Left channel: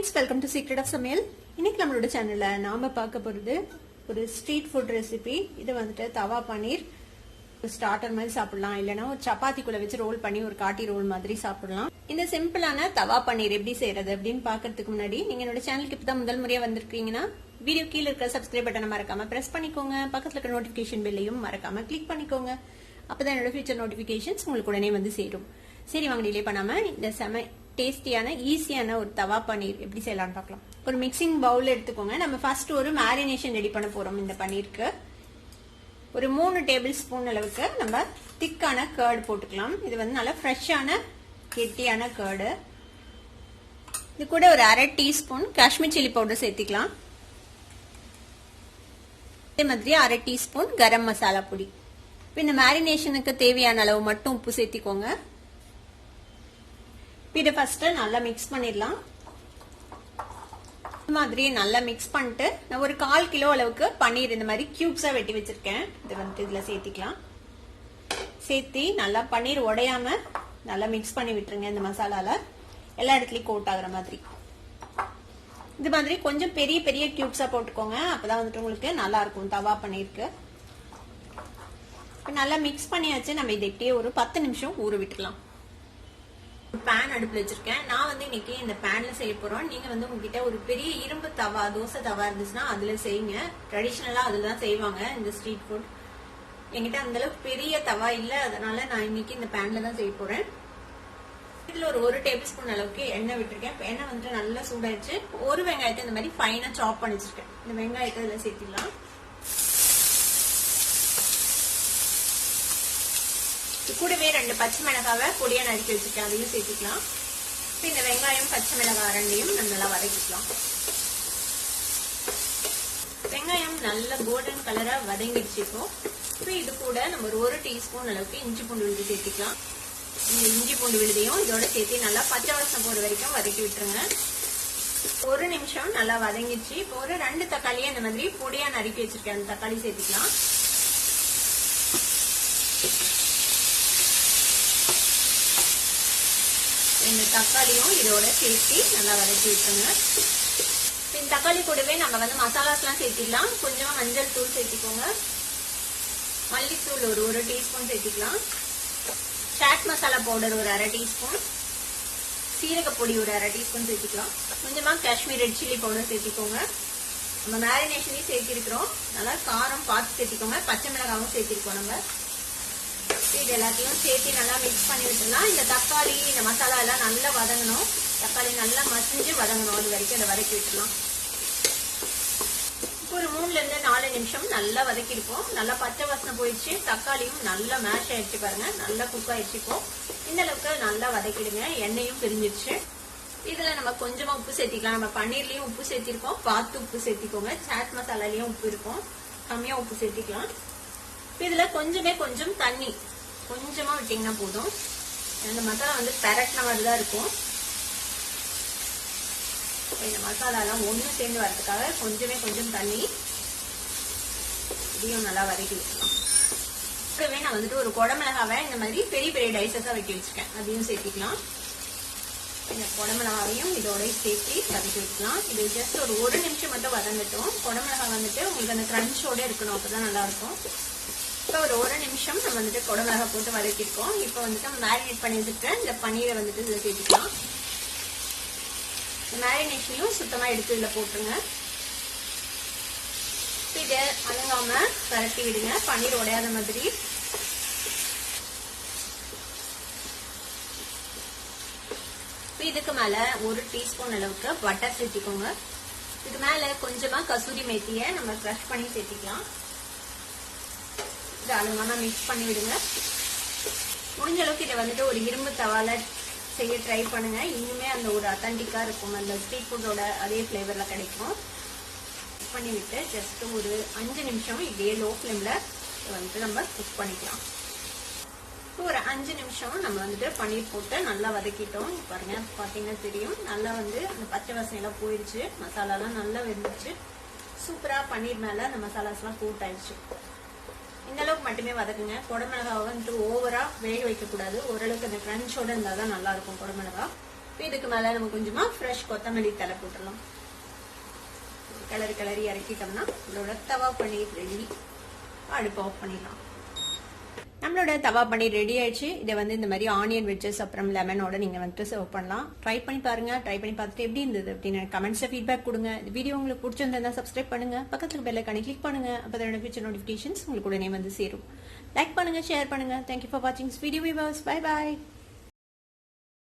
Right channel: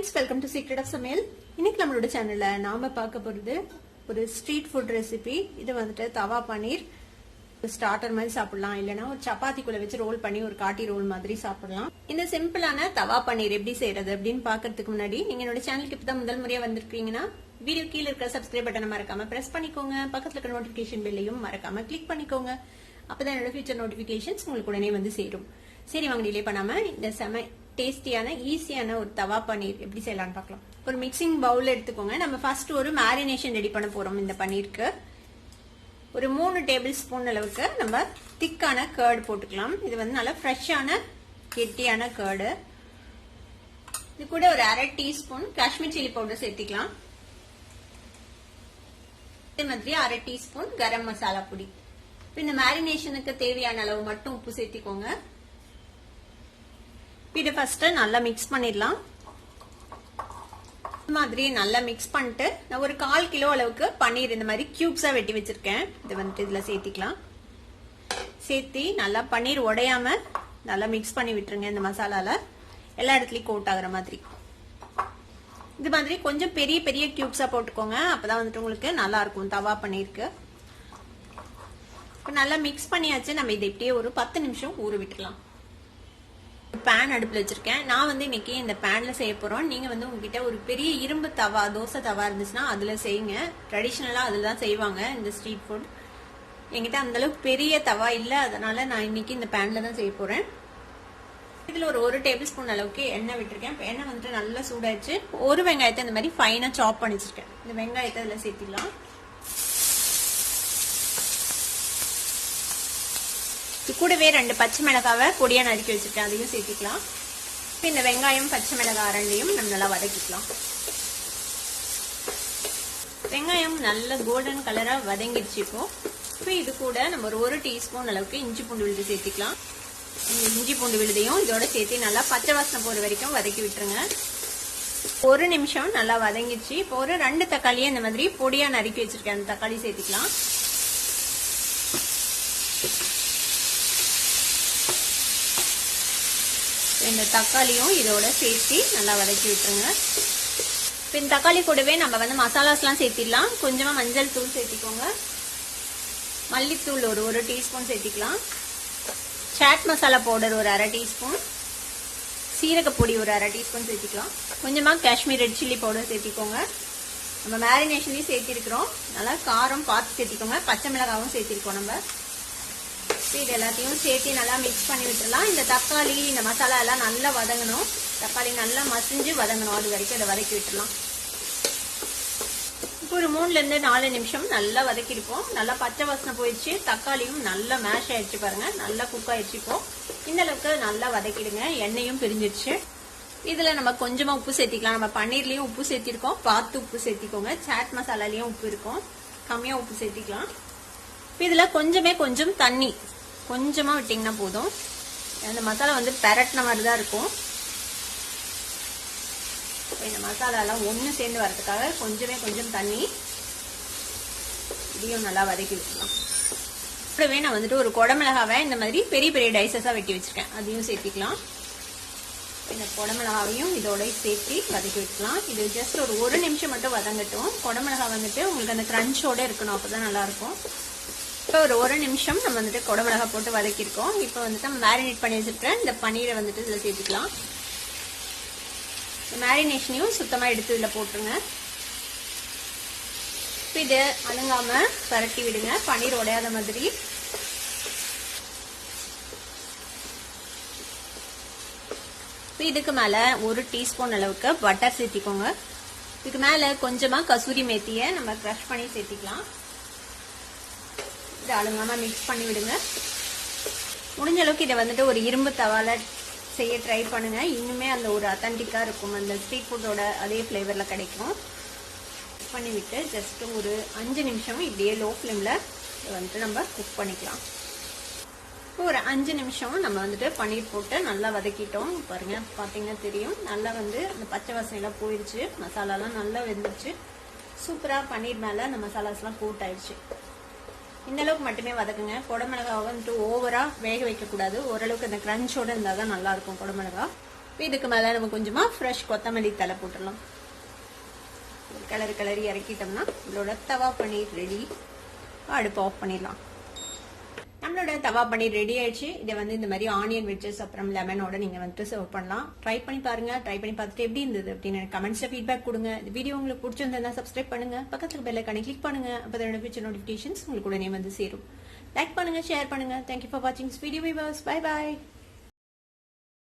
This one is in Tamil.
Friends, welcome to secret of சமையல். இன்னைக்கு நம்மளோட சேனல்ல நாம பார்க்க போறது ஒரு ஸ்ட்ரீட் ஃபுட் ரெசிபி. இது வந்துட்டு தவா பன்னீர். ஸ்டார்டர் மாதிரி சாப்பிடலாம், இல்லைன்னா ஒரு சப்பாத்திக்குள்ள வச்சு ரோல் பண்ணி ஒரு காட்டி ரோல் மாதிரி சாப்பிடலாம். இந்த சிம்பிளான தவா பன்னீர் எப்படி செய்யறது அப்படின்னு பாக்கிறதுக்கு முன்னாடி நீங்க என்னோட சேனலுக்கு இப்பதான் முதல் முறையா வந்திருக்கீங்கன்னா வீடியோ கீழே இருக்கிற சப்ஸ்கிரைப் பட்டனை மறக்காம பிரஸ் பண்ணிக்கோங்க. பக்கத்துல இருக்கிற நோட்டிபிகேஷன் பெல்லையும் மறக்காம கிளிக் பண்ணிக்கோங்க. அப்பதான் என்னோட ஃபியூச்சர் நோட்டிபிகேஷன்ஸ் உங்களுக்கு உடனே வந்து சேரும். சரி, வாங்க டிலே பண்ணாம இந்த செம டேஸ்டியான ஈஸியான ஒரு தவா பன்னீர் எப்படி செய்யலாம்னு பார்க்கலாம். ஒரு மிக்சிங் பவுல் எடுத்துக்கோங்க. நம்ம ஃபர்ஸ்ட் ஒரு மேரினேஷன் ரெடி பண்ண போறோம். இந்த பன்னீருக்கு ஒரு 3 டேபிள் ஸ்பூன் அளவுக்கு நம்ம திக்கான கர்ட் போட்டுக்கலாம். இது வந்து நல்லா ஃப்ரெஷ்ஷான கெட்டியான கர்டு. இது கூட ஒரு 1/2 டீஸ்பூன் காஷ்மீர் சில்லி பவுடர் சேர்த்திக்கலாம். அதே மாதிரி 1/2 டீஸ்பூன் கரம் மசாலா பொடி. இந்த மேரினேஷனுக்கு தேவையான அளவு மட்டும் உப்பு சேர்த்திக்கோங்க. இதை ஃபர்ஸ்ட் நல்லா மிக்ஸ் பண்ணிடலாம். இந்த மாதிரி நல்லா மிக்ஸ் பண்ணிட்டு நான் ஒரு 1/4 கிலோ அளவுக்கு பன்னீர் இந்த மாதிரி கியூப்ஸா வெட்டி வச்சிருக்கேன். இது வந்துட்டு இதுல சேர்த்திக்கலாம். சேர்த்தி நல்லா பன்னீர் உடையாம நல்லா மிக்ஸ் பண்ணி விட்டுருங்க. இந்த மசாலால எல்லா இடத்துலயும் கோட் ஆகுற மாதிரி. இது மாதிரி கொஞ்சம் பெரிய பெரிய கியூப்ஸா போட்டுக்கோங்க. அப்பதான் வந்துட்டு உங்களுக்கு நல்லா இருக்கும் தவா பன்னீருக்கு. நல்லா மிக்ஸ் பண்ணியாச்சு. நம்ம இதை இப்படியே ஒரு 10 நிமிஷம் ஊற விட்டுலாம். பேன் அடுப்புல வச்சிருக்கேன். நான் வந்து இன்னைக்கு இந்த பேன்ல செய்ய போறோம். நீங்க வந்து உங்ககிட்ட ஒரு பெரிய இரும்பு தவா, தோசை தவா இருந்துச்சுன்னா அதுல செய்யுங்க. ட்ரெடிஷனலா அதுதான் செய்வாங்க இந்த ஸ்ட்ரீட் ஃபுட். என்கிட்ட அந்த அளவுக்கு பெரிய தவா இல்ல, அதனால நான் இன்னைக்கு இந்த பேன்ல தான் செய்ய போறேன். இதுல ஒரு 1 டேபிள் ஸ்பூன் அளவுக்கு எண்ணெய் விட்டுருக்கேன். எண்ணெய் வந்து நல்லா சூடாயிடுச்சு. ஒரு வெங்காயத்தை இந்த மாதிரி ஃபைனா சாப் பண்ணி வச்சிருக்கேன். இந்த வெங்காயத்தை இதுல சேர்த்திடலாம். கூடவே 2 பச்சை மிளகாவை பொடியா நறுக்கி வச்சுட்டேன், அதையும் சேர்த்துக்கலாம். இந்த வெங்காயம் பச்சை மிளகாய் ரெண்டையும் நம்ம நல்லா வதக்கிக்கலாம். வெங்காயம் நல்ல கோல்டன் கலரா வதங்கிடுச்சு. இப்போ இது கூட நம்ம ஒரு 1 டீஸ்பூன் அளவுக்கு இஞ்சி பூண்டு விழுது சேர்த்துக்கலாம். இஞ்சி பூண்டு விழுதையும் இதோட சேர்த்து நல்லா பச்சை வாசனை போற வரைக்கும் வதக்கி விட்டுருங்க. 1 நிமிஷம் நல்லா வதங்கிடுச்சு. இப்போ ஒரு 2 தக்காளியை இந்த மாதிரி பொடியா நறுக்கி வச்சிருக்கேன், அந்த தக்காளி சேர்த்துக்கலாம். இந்த தக்காளியும் இதோட சேர்த்து நல்லா வதக்கி விட்டுருங்க. இந்த தக்காளி கூடவே நம்ம வந்து மசாலாஸ் எல்லாம் சேர்த்திடலாம். கொஞ்சமா மஞ்சள் தூள் சேர்த்திக்கோங்க. மல்லித்தூள் ஒரு 1 டீஸ்பூன் சேர்த்திக்கலாம். சாட் மசாலா பவுடர் ஒரு 1/2 டீஸ்பூன். சீரகப்பொடி ஒரு 1/2 டீஸ்பூன் சேர்த்திக்கலாம். கொஞ்சமா காஷ்மீர் ரெட் சில்லி பவுடர் சேர்த்திக்கோங்க. நம்ம மேரினேஷன்லயும் சேர்த்திருக்கிறோம். நல்லா காரம் பார்த்து சேர்த்திக்கோங்க. பச்சை மிளகாவும் சேர்த்திருக்கோம். நம்ம இது எல்லாத்தையும் சேர்த்து நல்லா மிக்ஸ் பண்ணி விட்டுலாம். இந்த தக்காளி இந்த மசாலா எல்லாம் நல்லா வதங்கணும். தக்காளி நல்லா மசிஞ்சு வதங்கணும். அது வரைக்கும் அதை வதக்கி விட்டுலாம். ஒரு 3-4 நிமிஷம் நல்லா வதக்கிருக்கோம். நல்லா பச்சை வாசனை போயிடுச்சு. தக்காளியும் நல்லா மேஷ் ஆயிடுச்சு. பாருங்க, நல்லா குக் ஆயிடுச்சு. இப்போ இந்த அளவுக்கு நல்லா வதக்கிடுங்க. எண்ணெயும் பிரிஞ்சிருச்சு. இதுல நம்ம கொஞ்சமா உப்பு சேர்த்திக்கலாம். நம்ம பன்னீர்லயும் உப்பு சேர்த்திருக்கோம், பார்த்து உப்பு சேர்த்திக்கோங்க. சாட் மசாலாலயும் உப்பு இருக்கும், கம்மியா உப்பு சேர்த்திக்கலாம். இதுல கொஞ்சம் தண்ணி கொஞ்சமா விட்டீங்கன்னா போதும். இந்த மசாலா வந்து பெரட்டின மாதிரி தான் இருக்கும். இந்த மசாலா எல்லாம் ஒண்ணு சேர்ந்து வரதுக்காக கொஞ்சம் தண்ணி இதையும் நல்லா வதக்கி வச்சுக்கலாம். கூடவே நான் வந்துட்டு ஒரு குடமிளகாவை இந்த மாதிரி பெரிய பெரிய டைசஸா வெட்டி வச்சிருக்கேன், அதையும் சேர்த்திக்கலாம். இந்த குடமிளகாவையும் இதோட சேர்த்து வதக்கி வச்சுக்கலாம். இது ஜஸ்ட் ஒரு 1 நிமிஷம் மட்டும் வதங்கட்டும். குடமிளகா வந்துட்டு உங்களுக்கு அந்த கிரன்ச்சோட இருக்கணும், அப்பதான் நல்லா இருக்கும். இப்போ ஒரு 1 நிமிஷம் நம்ம வந்துட்டு குடமிளகா போட்டு வதக்கிருக்கோம். இப்போ வந்துட்டு நம்ம மேரினேட் பண்ணி வச்சுருக்கேன் இந்த பன்னீரை வந்துட்டு இதில் சேர்த்துக்கலாம். மேரினேஷனையும் சுத்தமா எடுத்து இதில் போட்டுருங்க. இதை அணுவாம பரட்டி விடுங்க, பன்னீர் உடையாத மாதிரி. இதுக்கு மேல 1 டீஸ்பூன் அளவுக்கு பட்டர் சேர்த்திக்கோங்க. இதுக்கு மேல கொஞ்சமா கசூரி மேத்தியை நம்ம க்ரஷ் பண்ணி சேர்த்திக்கலாம். இதை அழுங்காம மிக்ஸ் பண்ணி விடுங்க. முடிஞ்ச அளவுக்கு இதை வந்துட்டு ஒரு இரும்பு தவால செய்ய ட்ரை பண்ணுங்க. இன்னுமே அந்த ஒரு அத்தன்டிக்கா இருக்கும், அந்த ஸ்ட்ரீட் ஃபுட்டோட அதே ஃபிளேவர்ல கிடைக்கும். மிக்ஸ் பண்ணி விட்டு ஜஸ்ட் ஒரு 5 நிமிஷம் இப்படியே லோ ஃப்ளேம்ல வந்துட்டு நம்ம குக் பண்ணிக்கலாம். ஒரு 5 நிமிஷம் நம்ம வந்துட்டு பன்னீர் போட்டு நல்லா வதக்கிட்டோம். பாருங்க, பாத்தீங்கன்னா தெரியும், நல்லா வந்து அந்த பச்சை வாசனைலாம் போயிடுச்சு. மசாலாலாம் நல்லா வெந்துச்சு. சூப்பரா பன்னீர் மேல அந்த மசாலாஸ் எல்லாம் கோட் ஆயிடுச்சு. இந்த அளவுக்கு மட்டுமே வதக்குங்க. குடமிளகாவை வந்துட்டு ஓவரா வேக வைக்க கூடாது. ஓரளவுக்கு அந்த கிரன்ச்சோட இருந்தாதான் நல்லா இருக்கும் குடமிளகா. இதுக்கு மேல நம்ம கொஞ்சமா ஃப்ரெஷ் கொத்தமல்லி தலை போட்டுடலாம். கிளறி இறக்கிட்டோம்னா நம்மளோட தவா பன்னீர் ரெடி. அடுப்பு ஆஃப் பண்ணிடலாம். நம்மளோட தவா பன்னீர் ரெடி ஆயிடுச்சு. இதை இந்த மாதிரி ஆனியன் வெஜ்ஜஸ் அப்புறம் லெமனோட நீங்க சர்வ் பண்ணலாம். ட்ரை பண்ணி பாருங்க. ட்ரை பண்ணி பார்த்துட்டு எப்படி இருந்தது அப்படின்னு கமெண்ட்ஸ்ல ஃபீட்பேக் கொடுங்க. இந்த வீடியோ உங்களுக்கு பிடிச்சிருந்தா சப்ஸ்கிரைப் பண்ணுங்க. பக்கத்துல பெல் ஐகானை கிளிக் பண்ணுங்க. அப்பதான் ஃபியூச்சர் நோட்டிபிகேஷன்ஸ் உங்களுக்கு உடனே சேரும். லைக் பண்ணுங்க, ஷேர் பண்ணுங்க. தேங்க்யூ ஃபார் வாட்சிங் திஸ் வீடியோ. Bye by.